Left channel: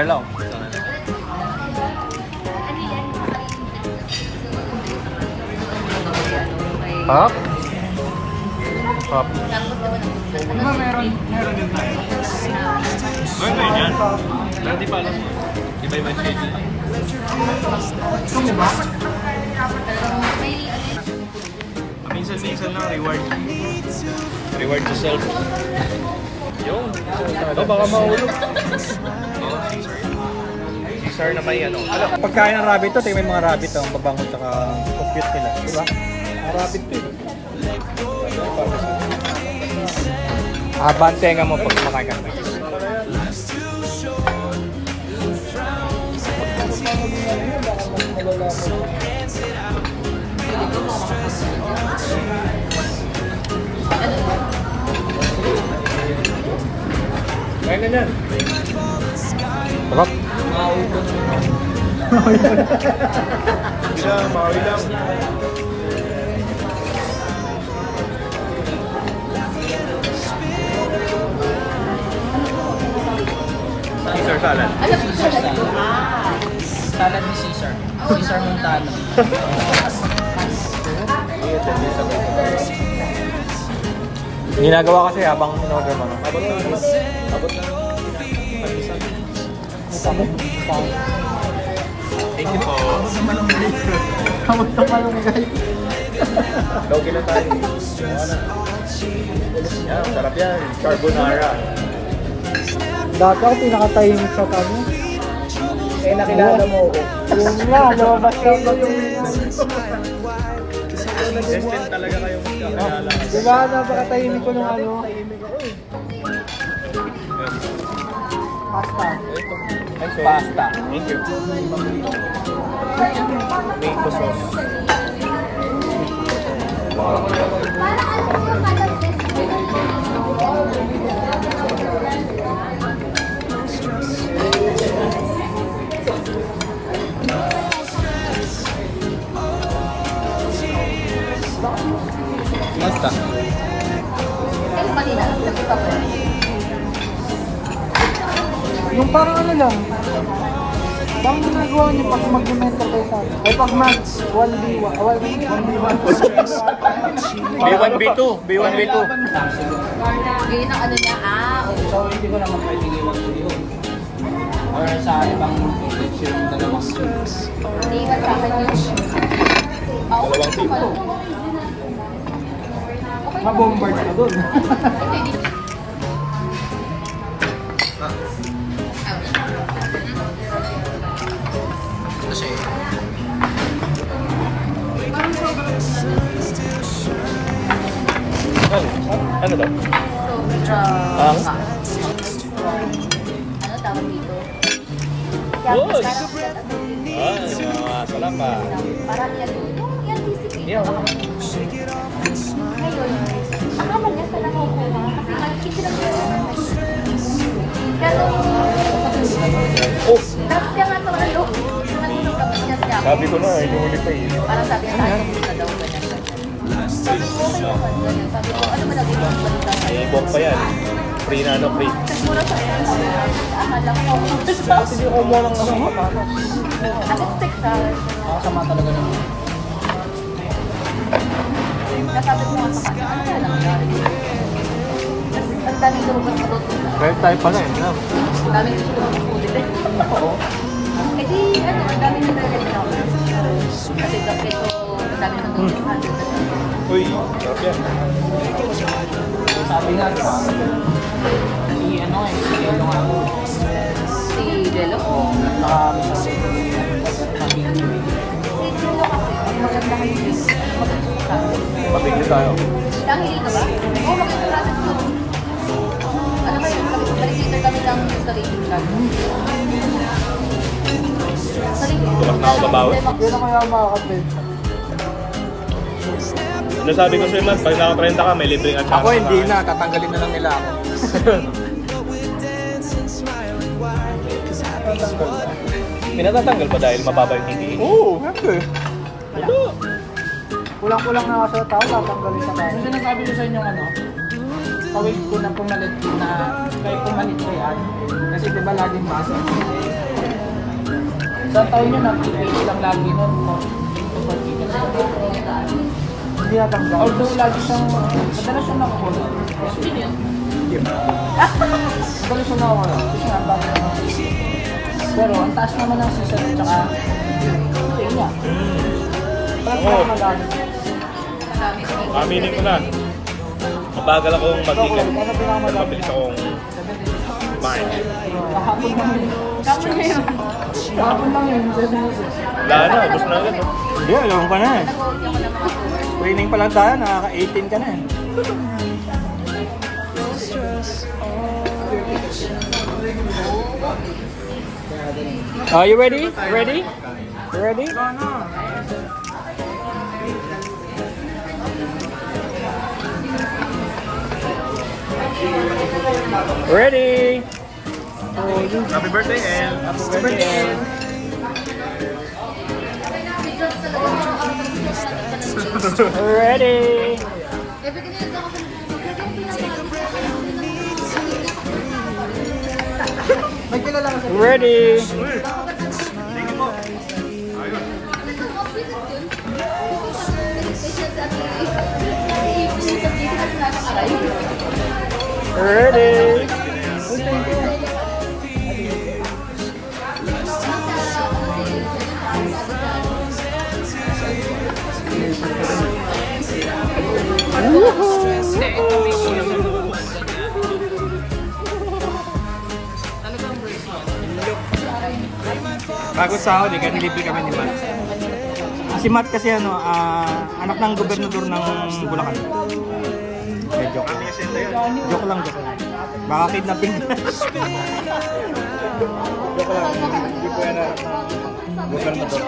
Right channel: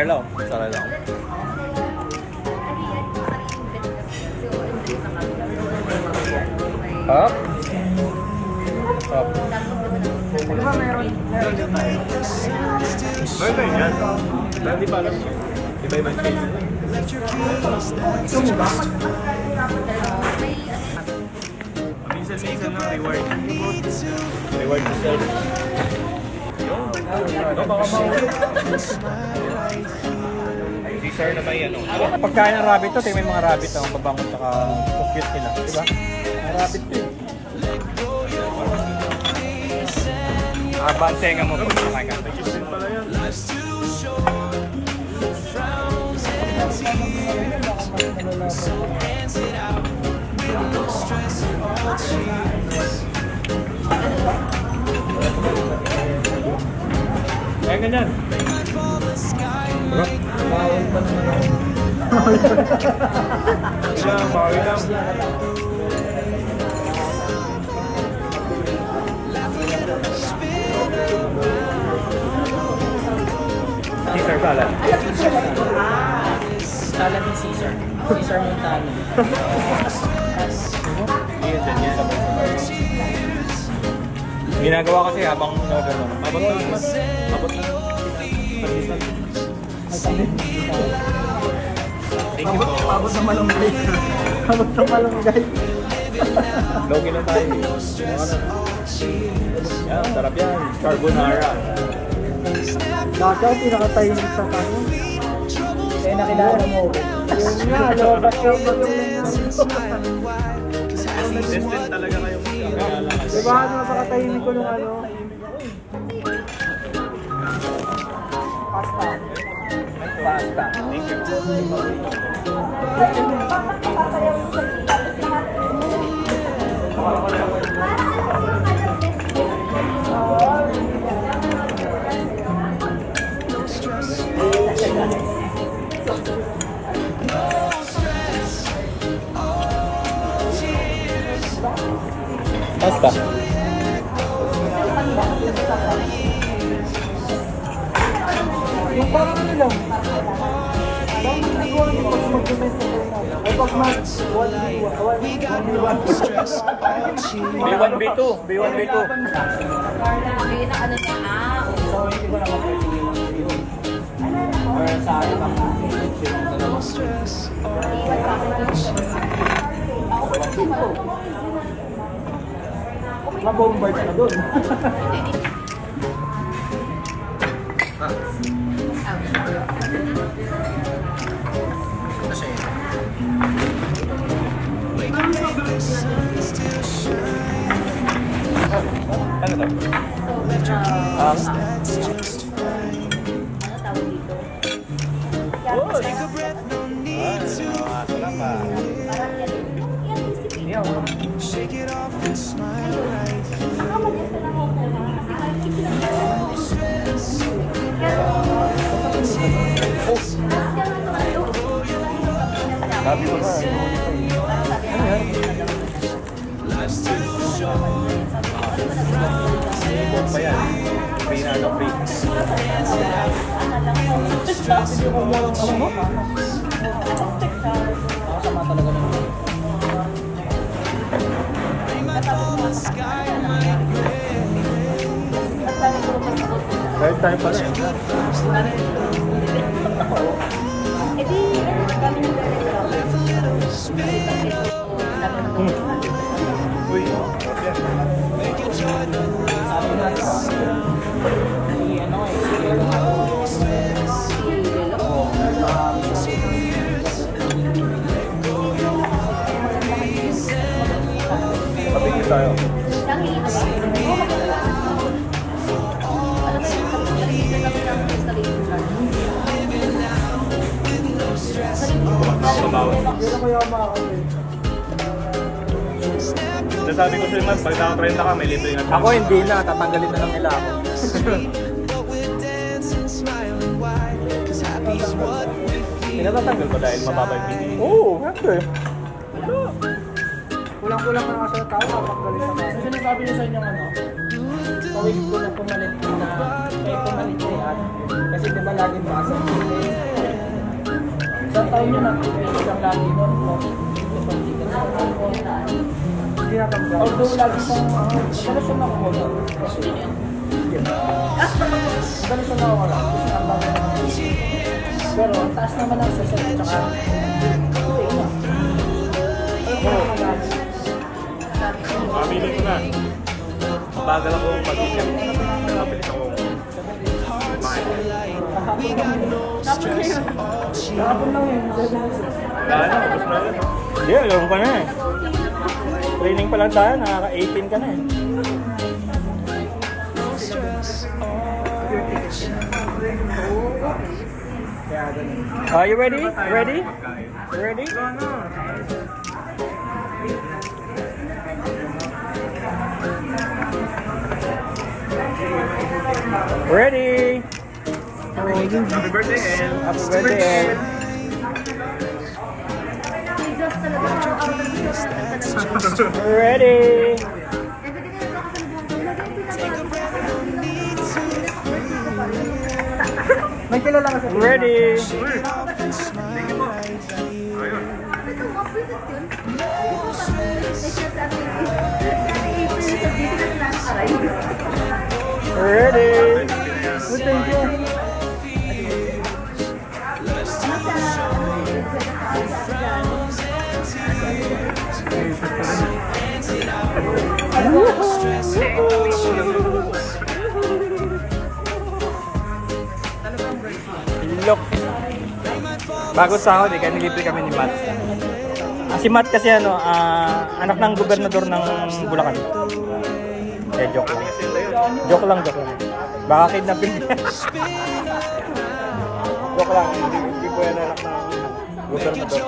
Lang. Sana lang. Hop. Hop. Meron dyan. Hindi pa alam. Iba-iba dyan. Ito mo ba? Minsan lang reward. Reward to self. Yun. Ito baka maulog. Sir na may ano. Pagkain ng rabbit to, tingnan may mga rabbit ang babangon at compute nila, di ba? Mga rabbit to eh. Advance tenga mo pag kumakain. Sarap. Caesar salad. Salad ni Caesar. Caesar Montano. Ginagawa kasi habang in-order mo. Thank you po. Abot naman ang break. Abot naman ang guys. Logi na tayo. Yan, sarap yan. Carbonara. Dati ako pinakatahimik sa kanya. Eh, nakilala mo ko. Yung nga, lobas ko na diba, napakatahimik ko nung ano? Pasta. Thank you. Tomato sauce. Pasta. Yung parang ano lang. Bang nagawa niyo pag mag-mental sa o pag B1, B2. B1, B2. Yung ano niya, Dalawang B2. ma-bombard ka dun. Kasi, Ano daw? Good! Wala pa. Yeah, Shake it off and smile right sabi ko na, hindi mo nito eh. Ano yan? Ibok pa yan. Free na ano, free. Hindi ko mo lang ako. Kahit tayo pala eh. Uy, pabigil tayo. Hindi na kaya makakapit. Nasabi ko sa'yo man, pag naka-30 ka, may libre nga chance. Ako hindi na, tatanggalin na lang nila ako. Pinatatanggal pa dahil mababa yung TV. Oo, syempre. Ito. Kulang-kulang na sa tao, tatanggalin pa tayo. sinasabi ko sa inyo ano, kawin ko na pumalit na may pumalit na yan. Kasi diba laging basa. yun, napipili lang lagi. Hindi natanggal. Pero ang taas naman ng sasal. Aminin ko na. Mabagal ako mag-ikan. Ano pinakamalaki? Mabilis ako. We got no stress or chill. Wala na, ubos na agad. Hindi, alam ka na eh. Training pa lang tayo, nakaka-18 ka na eh. No stress or chill. Are you ready? Ready? Ready? Ready? Happy birthday, El. Happy birthday, El. Ready? Take a breath, no need to May kilala kasi. Ready? shake it off and smile right here. No stress. Ready? Look. Bago sahod, kaya nilibre kami ni Matt. Si Matt kasi anak ng gobernador ng Bulacan. Joke lang. Joke lang. Baka kidnapping. Joke lang. Hindi ko yan anak ng gobernador.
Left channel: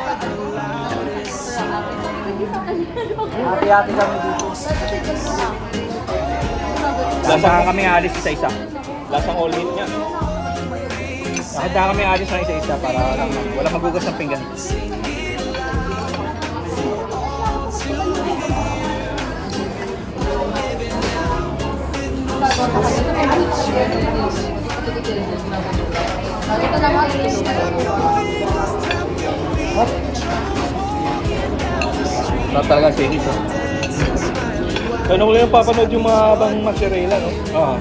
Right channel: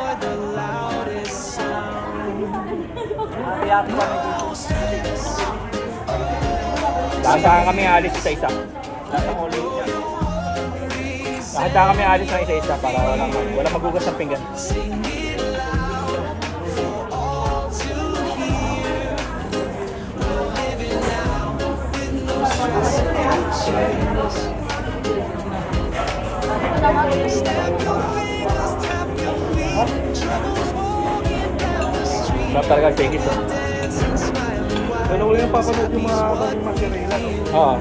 Hati-hati kami dito. Lasahan kami alis isa-isa. Lasang ulit niya. Kahit kami alis ng isa-isa para wala magugas ng pinggan. Sarap talaga ang cakes, oh. Tanong lang yung papanood yung mga bang masirela, no? Oo.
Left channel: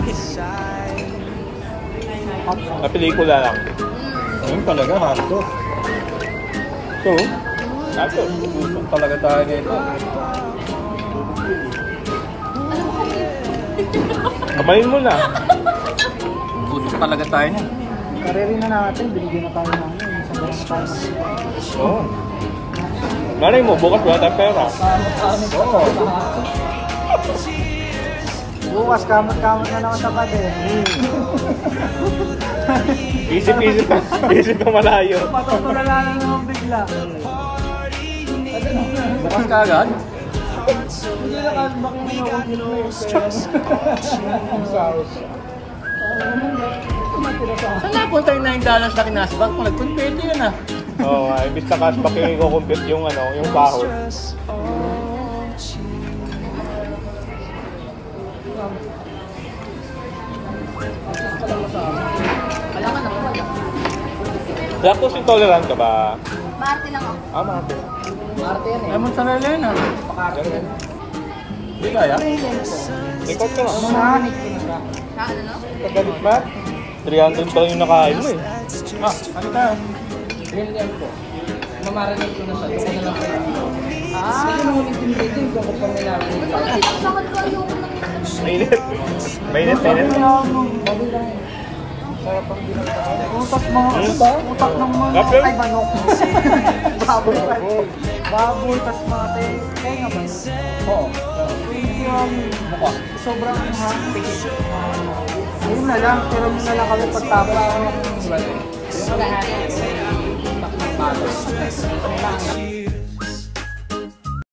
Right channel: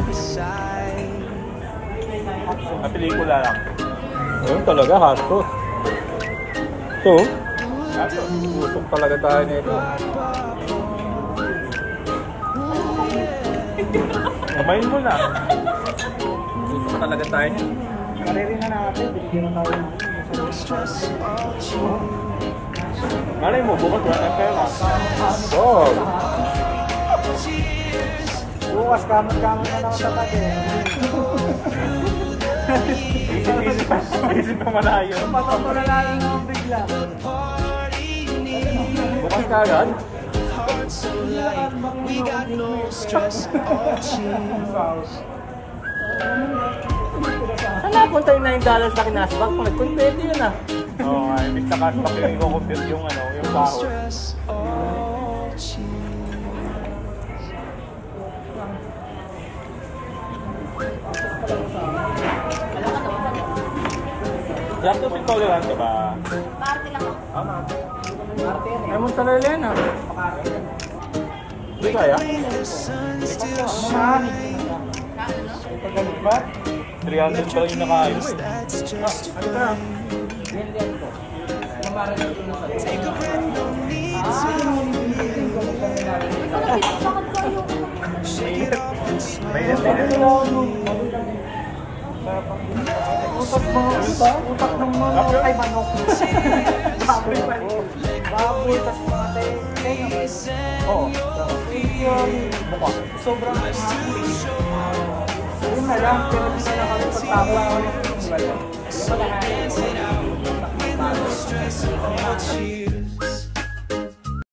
Na pelikula lang. Ayun talaga, hardcore. So, hardcore. Busok talaga tayo nito. Kamayin mo na. Busok talaga tayo niya. Kariri na natin, binigyan na tayo ng No stress or chill. Oo. Malay mo, bukas wala tayong pera. Oo. bukas, kamot-kamot na naman sa pati. Isip-isip pa. Isip pa malayo. Matutulalain naman bigla. Bukas ka agad? Heart so light. We got no stress or chill. Saan napunta yung $9 na kinasbak? Kung nag-compete yun ah. Oo, imbis na cashback yung i-compute yung yung No sahod. stress or chill. Lactose intolerant ka ba? Marte lang ako. Marte. Marte yan eh. Ay, mozzarella yun ah. Hindi kaya? Ikaw ka. Ano, no? Ba? 300 pa lang yung nakain mo eh. That's Ah, just ano ka? Million ko. Mamarinate ko na siya. take a breath, no need to Mainit. Mainit. Utak utak ng mga, Kapyo? ay manok. Baboy pa. Baboy, tas mga tenga. Oo. Mukha. Sobrang ayun na lang, pero na lang kami pagtapos namin. so dance it out with no stress or chill.